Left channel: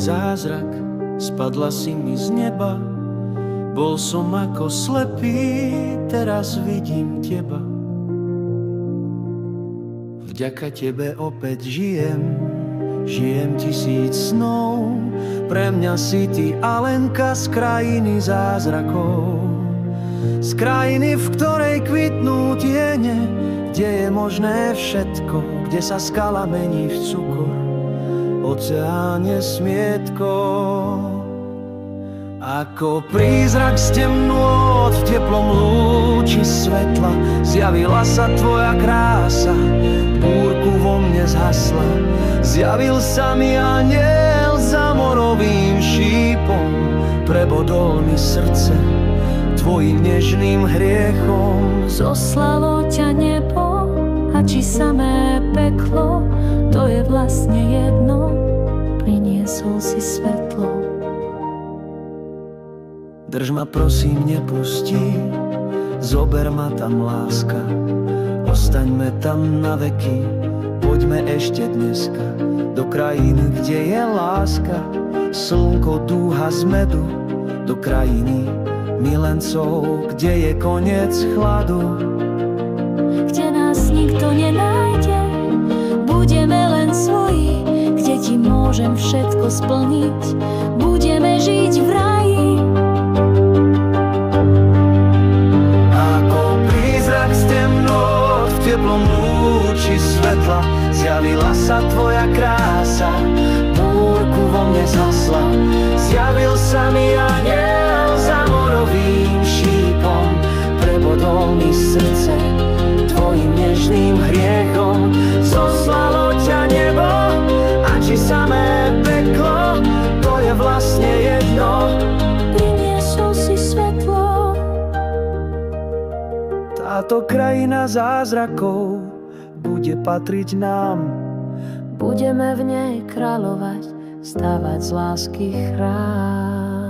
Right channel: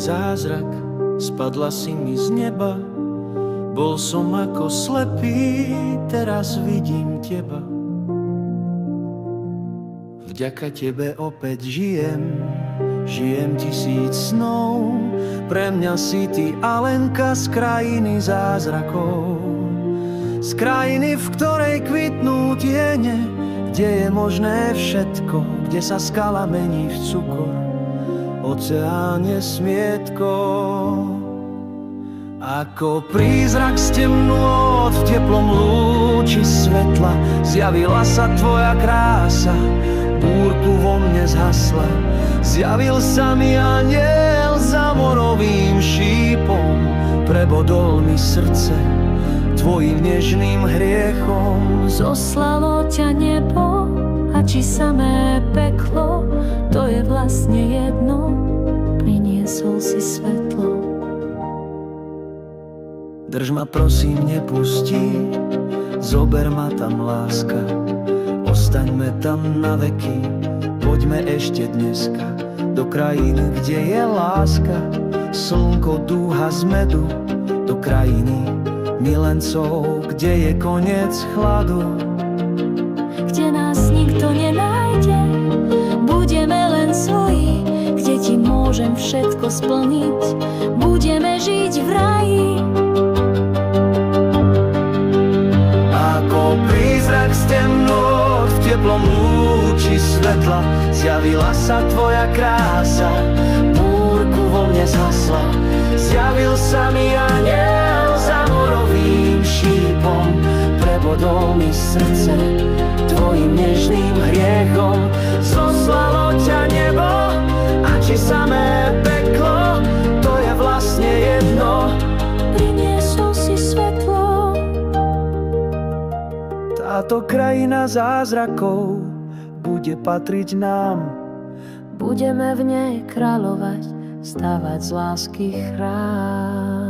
zázrak, spadla si mi z neba. Bol som ako slepý, teraz vidím teba. Vďaka tebe opäť žijem, žijem 1000 snov. Pre mňa si ty Alenka z krajiny zázrakov. Z krajiny, v ktorej kvitnú tiene, kde je možné všetko, kde sa skala mení v cukor, oceán je smietko. Ako prízrak z temnôt v teplom lúči svetla zjavila sa tvoja krása, búrku vo mne zhasla. Zjavil sa mi anjel za morovým šípom, prebodol mi srdce tvojim nežným hriechom. Zoslalo ťa nebo a či samé peklo, to je vlastne jedno, priniesol si svetlo. Drž ma prosím, nepusti, zober ma tam láska, ostaňme tam na veky, poďme ešte dneska do krajiny, kde je láska, slnko dúha z medu, do krajiny milencov, kde je koniec chladu. Kde nás nikto nenájde, budeme len svoji, kde ti môžem všetko splniť, budeme žiť v raji. Ako prízrak z temnôt v teplom lúči svetla zjavila sa tvoja krása, búrku vo mne zhasla. Zjavil sa mi anjel za morovým šípom, prebodol mi srdce tvojim nežným hriechom. Zoslalo ťa nebo a či samé peklo, to je vlastne jedno, priniesol si svetlo. Táto krajina zázrakov bude patriť nám. Budeme v nej kráľovať, stavať z lásky chrám.